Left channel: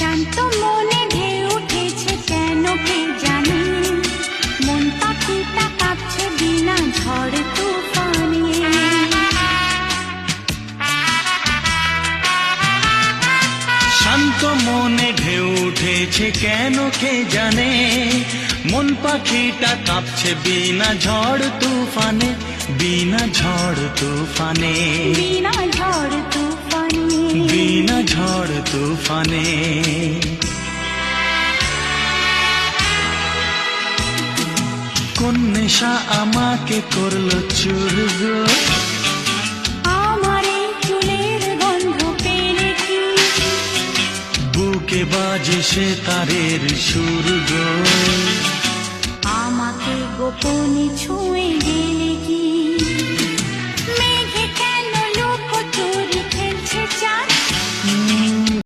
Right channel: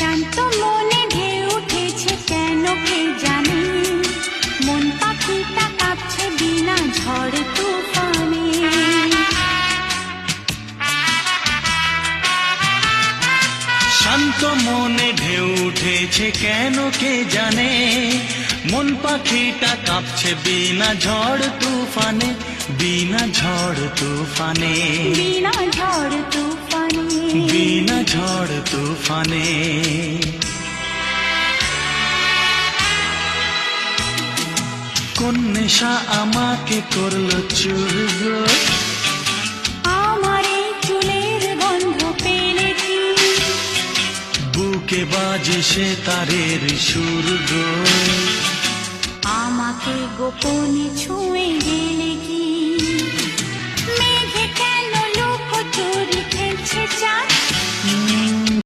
শান্ত মনে ঢেউ উঠেছে কেন কে জানে, মন পাখিটা কাঁপছে বিনা ঝড় তুফানে। শান্ত মনে ঢেউ উঠেছে কেন কে জানে, মন পাখিটা কাঁপছে বিনা ঝড় তুফানে, বিনা ঝড় তুফানে, বিনা ঝড় তুফানে, বিনা ঝড় তুফানে। কোন নেশা আমাকে করলো চুর গো, আমার এই চুলের গন্ধ পেলে কি, বুকে বাজে সে তারের সুর গো, আমাকে গোপনে ছুঁয়ে গেলে কি, মেঘে কেন লুকোচুরি খেলছে চাঁদ